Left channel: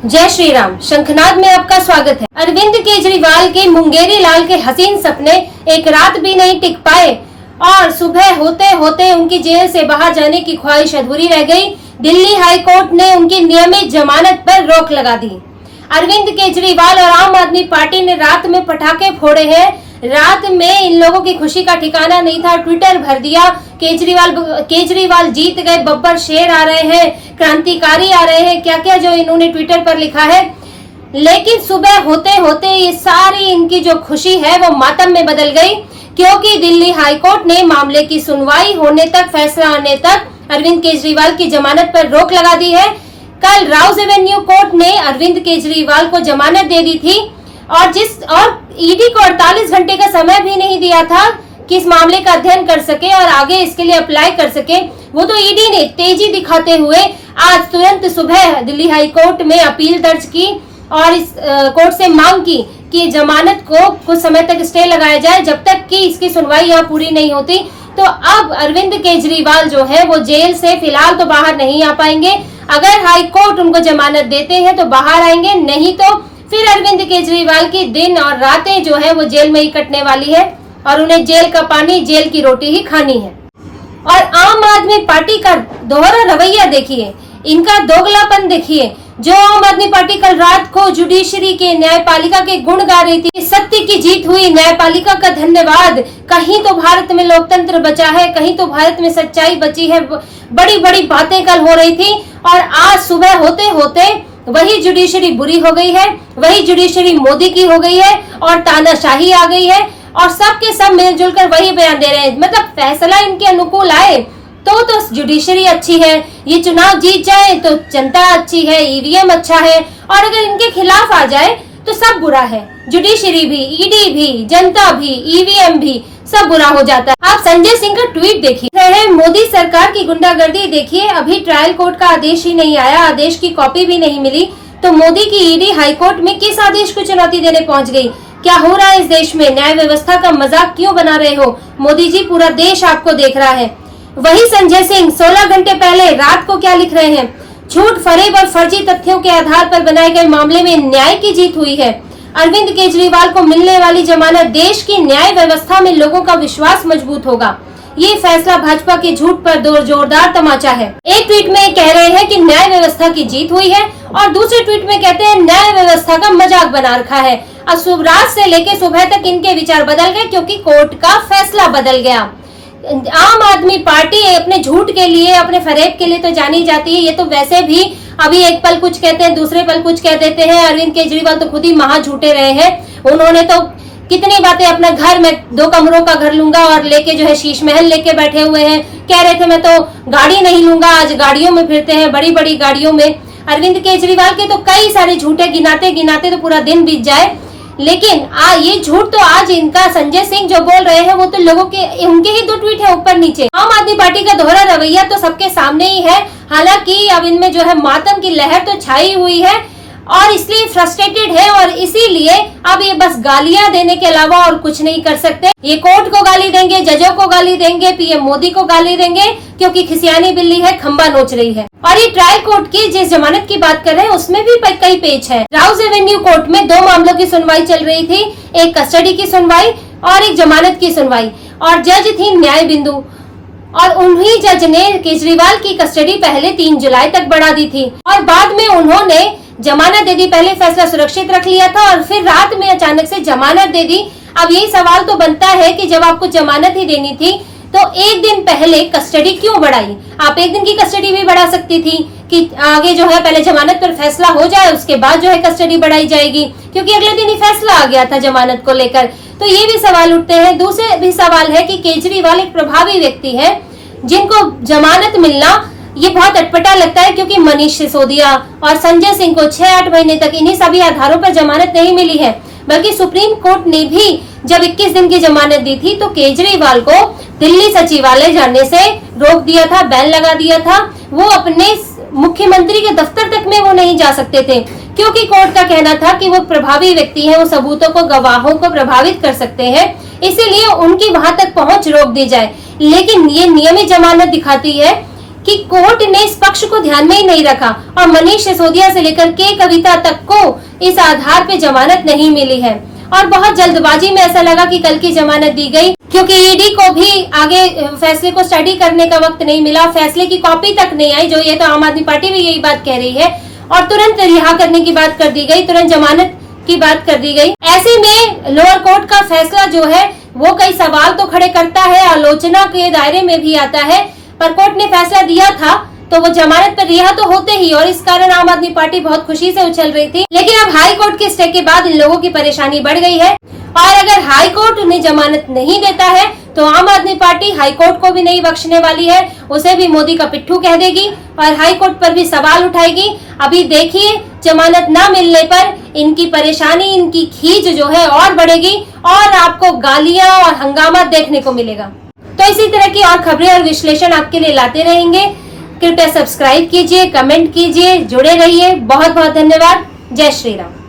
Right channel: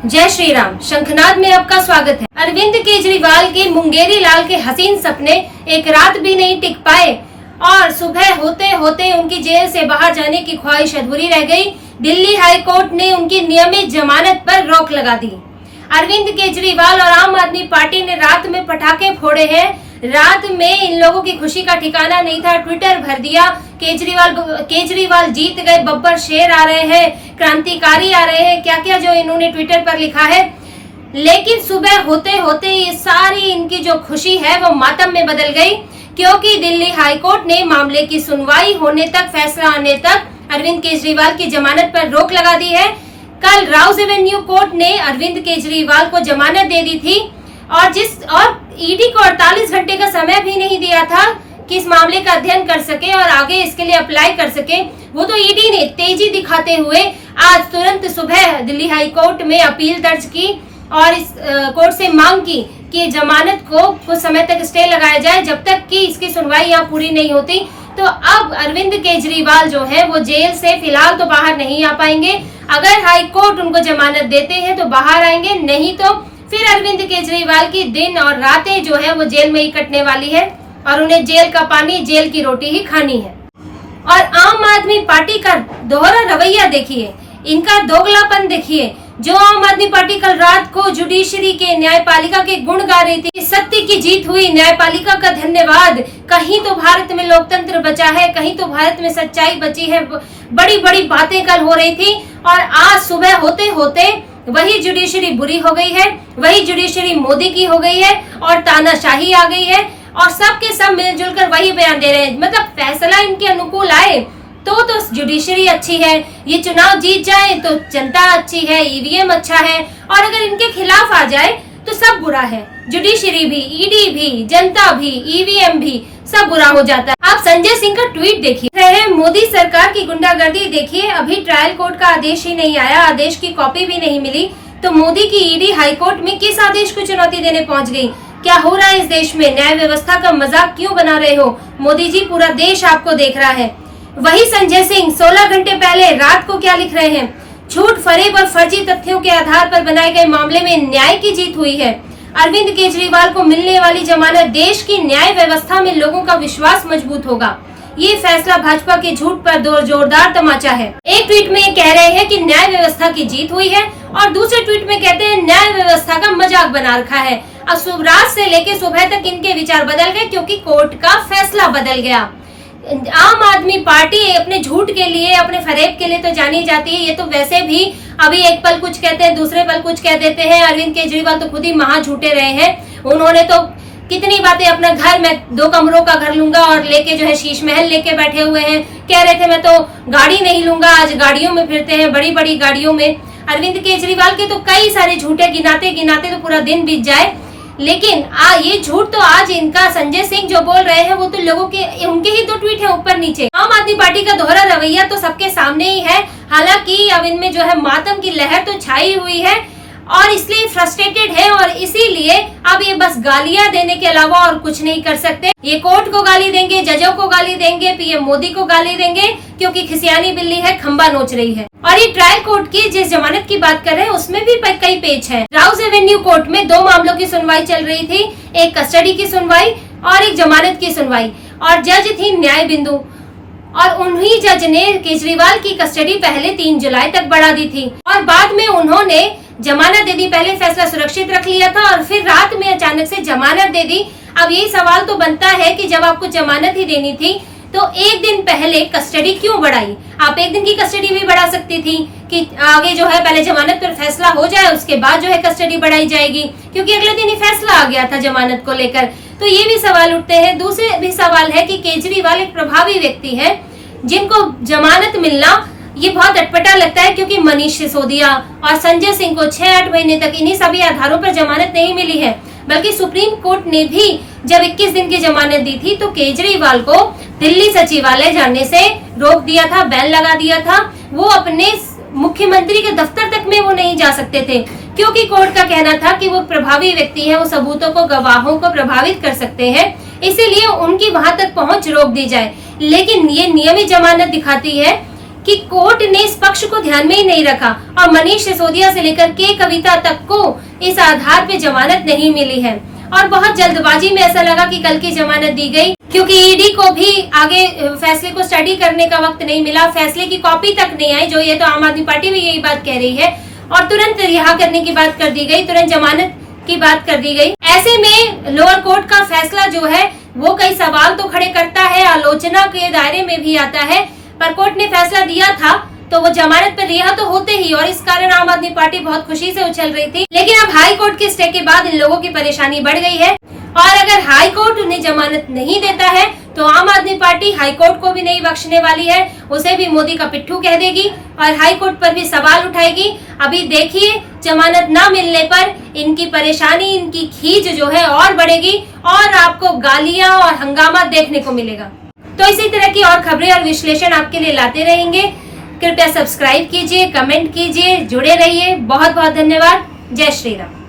जय श्री राम। शंखनाद में आपका स्वागत है। अरविंद केजरीवाल के मुंगेरी लाल के हसीन सपने एक रात भी नहीं टिक पाए और सुबह होते होते उनकी जेल से बाहर जाने की ख्वाहिश अधूरी रह गई। दिल्ली हाई कोर्ट ने उनकी नियमित जमानत पर रोक लगा दी। अरविंद केजरीवाल और आम आदमी पार्टी ने रात में पटाखे फोड़े हैं। रात में इन लोगों की खुशी का ठिकाना नहीं था। ट्विटर भर दिया, केजरीवाल जीत गए, बब्बर शेर आ रहे हैं, क्रांतिकारी आ रहे हैं, क्या क्या जो इन्होंने ट्विटर पर लिखा है। लेकिन सुबह होते होते ये सारी इनकी जो खुशी है वो मातम में बदल गई, क्योंकि दिल्ली हाई कोर्ट ने मामले की सुनवाई होने तक, फैसला आने तक अरविंद केजरीवाल की जमानत पर रोक लगा दी है। कल राउज एवेन्यू कोर्ट ने अरविंद केजरीवाल को जमानत दे दी थी और ईडी को 48 घंटे का समय भी नहीं दिया था कि इस मामले का अध्ययन कर सके और आगे इसके लिए अप्लाई कर सके। वो तो ईडी ने तेजी दिखाते हुए आज तुरंत सुबह दिल्ली हाई कोर्ट में अपील दर्ज की और इस कोर्ट से मांग की कि जमानत को कुछ समय तक स्टे लगाया जाए जब तक कि इसकी सुनवाई यहाँ पूरी नहीं होती। तो अब अरविंद केजरीवाल जो है वो जेल से फिलहाल तो बाहर नहीं आ पाएंगे। अगर हाई कोर्ट उनको जमानत देते हैं तो बाहर आएंगे, नहीं तो फिर अरविंद केजरीवाल की दिन और रातें जो है वो जेल में ही कटने वाली है और उन्हें जेल का पानी, जेल की रोटी ही खानी है। और आम आदमी पार्टी का दोहरा रवैया देखिए, इनका दोगलापन देखिए। जो आम आदमी पार्टी कल रात को जुडिशरी के, न्यायपालिका के गुण गा रही थी, सत्य की जीत हुई, न्यायपालिका का धन्यवाद, कहीं तो भारत में लोकतंत्र बचा है, कहीं तो भारत में सच्चाई बची है, बड़ी बड़ी बातें कल हो रही थी। और आज सुबह होते होते वही जुडिशरी बुरी हो गई है, वही जुडिशरी मोदी की हो गई है और तानाशाही आ गई है और सब के सब मिलजुल कर वही बयान दे रहे हैं। मतलब फैसला इनके अनुकूल आए तो जुडिशरी अच्छी है, ये चुनाव जीत जाए तो जनता अच्छी है, ईवीएम अच्छा है, और अगर इनके खिलाफ आ जाए तो सब बुरा है। जुडिशरी भी, ईडी भी, जनता भी, ईवीएम भी, सब बुरा हो जाता है। आप संजय सिंह का ट्वीट देखिए, मोदी सरकार की गुंडागर्दी देखिए। अभी ट्रायल कोर्ट का आदेश ही नहीं आया, आदेश की कॉपी भी नहीं मिली, तो मोदी की ईडी हाई कोर्ट में किस आदेश को चुनौती देने पहुंच गई। क्या हो रहा है इस देश में? न्याय व्यवस्था का मजाक क्यों बना रहे हो मोदी जी? पूरा देश आपको देख रहा है। वही संजय सिंह 16 घंटे पहले रात को क्या लिख रहे हैं? झूठ, फरेब और फर्जी तथ्यों के आधार पर बनाए गए मामले में न्याय की जीत हुई है। अरविंद केजरीवाल को मिलने वाली जमानत देश की न्याय व्यवस्था में लोगों का विश्वास मजबूत होगा। ये फैसला भाजपा के झूठ पर जोरदार तमाचा है। एक ट्वीट में कह रहे हैं कि न्याय व्यवस्था की जीत हुई है और दूसरे ट्वीट में कहते हैं न्याय व्यवस्था का मजाक बना रखा है। अब रात से लेकर सुबह तक इनके विचार बदल गए क्योंकि कोर्ट का फैसला बदल गया। आम आदमी पार्टी अपने झूठ के लिए, अपने फरेब के लिए तो जानी जाती है। ये तो वैसे भी अभी एक पल कुछ कहते हैं, दूसरे पल कुछ कह देते हैं। अरविंद केजरीवाल तो खुद ही महा झूठे रहे हैं। उन्होंने तो कितनी बातें, अपना घर में 2 कमरों का घर लूंगा और लेके जो है शीश महल लेके बैठे हुए हैं। कह रहे थे मैं तो गाड़ी नहीं लूंगा, आज गाड़ियों में फिरते हैं, बड़ी बड़ी गाड़ियों में। अरविंद केजरीवाल के तो कई सारे झूठे गिनाते गिनाते तो पूरा दिन बीत जाए। लेकिन ये झूठ तो आज इनका संजय सिंह जो बोल रहे हैं वो तो लोगों के, उनके ही 2 ट्वीट है ऊपर नीचे। आम आदमी पार्टी का दोहरा रवैया तो सबके सामने ही है। हालांकि अब इनमें जो है मातम की लहर तो छाई हुई है और इसलिए फ्रस्ट्रेटेड है और इसीलिए अब ये बस गालियां देने के अलावा और कुछ नहीं कर सकते। ये कोर्ट को गाली देंगे, जजों को गाली देंगे, पीएम मोदी को गाली देंगे, क्योंकि खिसियानी बिल्ली है, खंबा नोच रही है। और ये ट्रायल कोर्ट की जिस जमानत की बात कर रहे हैं उसमें भी कई पेज है। राउज एवेन्यू कोर्ट में 2 मामलों की सुनवाई चल रही थी, एक कस्टडी की सुनवाई और एक जमानत की सुनवाई, और जज थी न्याय बिंदु। और उन्हीं जज ने केजरीवाल की कस्टडी पहले 3 जुलाई तक बढ़ा दी थी और बाद में उन्होंने जमानत दे दी। पहले फैसला सुरक्षित रख लिया था और फिर रात में अचानक से जमानत दे दी। अब यही सवाल तो बनता है कि जब आपको जमानत ही देनी थी तो एक दिन पहले कस्टडी क्यों बढ़ाई? आप एक दिन की कस्टडी भी बढ़ा सकती थी कि आगे जो है पहले जमानत पर फैसला हो जाए, उसके बाद जो है कस्टडी बढ़ाई जाएगी, क्योंकि अगले दिन ही फैसला आ गया था जमानत को लेकर। तो ये भी सवाल उठते हैं। दूसरे भी सवाल है कि केजरीवाल एक प्रभावी व्यक्ति है जिनको जमानत मिलना ये बहुत अटपटा लगता है, क्योंकि मनीष सिसोदिया और संजय सिंह को 6-8 महीने तक इन्हीं सभी आधारों पर जमानत नहीं मिली है। बल्कि सुप्रीम कोर्ट ने भी जब 21 दिन की जमानत दी थी तो केजरीवाल को दिल्ली सचिवालय जाने से रोक दिया था, बैन लगा दिया था। वो अपने मुख्यमंत्री के दफ्तर तक में वो नहीं जा सकते थे, क्योंकि कोर्ट का कहना था कि वो प्रभावी व्यक्ति हैं, वो सबूतों को, गवाहों को प्रभावित कर सकते हैं, इसीलिए उनकी वहां तक पहुंच रोक दी जाए। लेकिन ये नियमित जमानत दिखाती है कि कोर्ट ने इस पक्ष को ध्यान में ही नहीं रखा और मनीष सिसोदिया से लेकर के कविता तक को इस आधार पे जमानत नहीं मिली है। और बहुत जल्दबाजी में ऐसा लगा कि कल की जमानत दी गई, क्योंकि ईडी को भी आगे फैसले को स्टडी करने का वक्त नहीं मिला, फैसले की कॉपी तक नहीं आई, जो ये तो आम आदमी पार्टी भी यही बात कह रही है, और तुरंत रिहा करने की बात कर दी गई, तुरंत जमानत की बात कर दी गई। ऐसे में लोअर कोर्ट का फैसला जो है वो कई सवाल तो खड़े करता है, आलोचना के दायरे में भी आता है, पर कोर्ट ने फैसला दिया था तो वो जमानत पर रिहा तो होते ही, और इस कारण आम आदमी पार्टी बहुत खुशी से उछल रही थी। लेकिन अब हाई कोर्ट के स्टे के बाद इन लोगों की परेशानी बढ़ गई है, और अगर हाई कोर्ट उन्हें जमानत नहीं देता है तो आम आदमी पार्टी हाई कोर्ट को भी नहीं बख्शने वाली है, उसे भी मोदी का पिट्ठू कह देगी और हाई कोर्ट पर भी सवाल उठाएगी। अभी देखिए, जमानत ना मिलने पर इनकी परेशानी, इनकी खींच जो है और बढ़ेगी और आपको गालियां और हंगामा देखने को मिलेगा। तो इसी तरह की और खबरें और विश्लेषण आपके लिए लाते रहेंगे। कृपया सब्सक्राइब कीजिए, कमेंट कीजिए, जुड़े रहिए। बहुत बहुत धन्यवाद। जय श्री राम।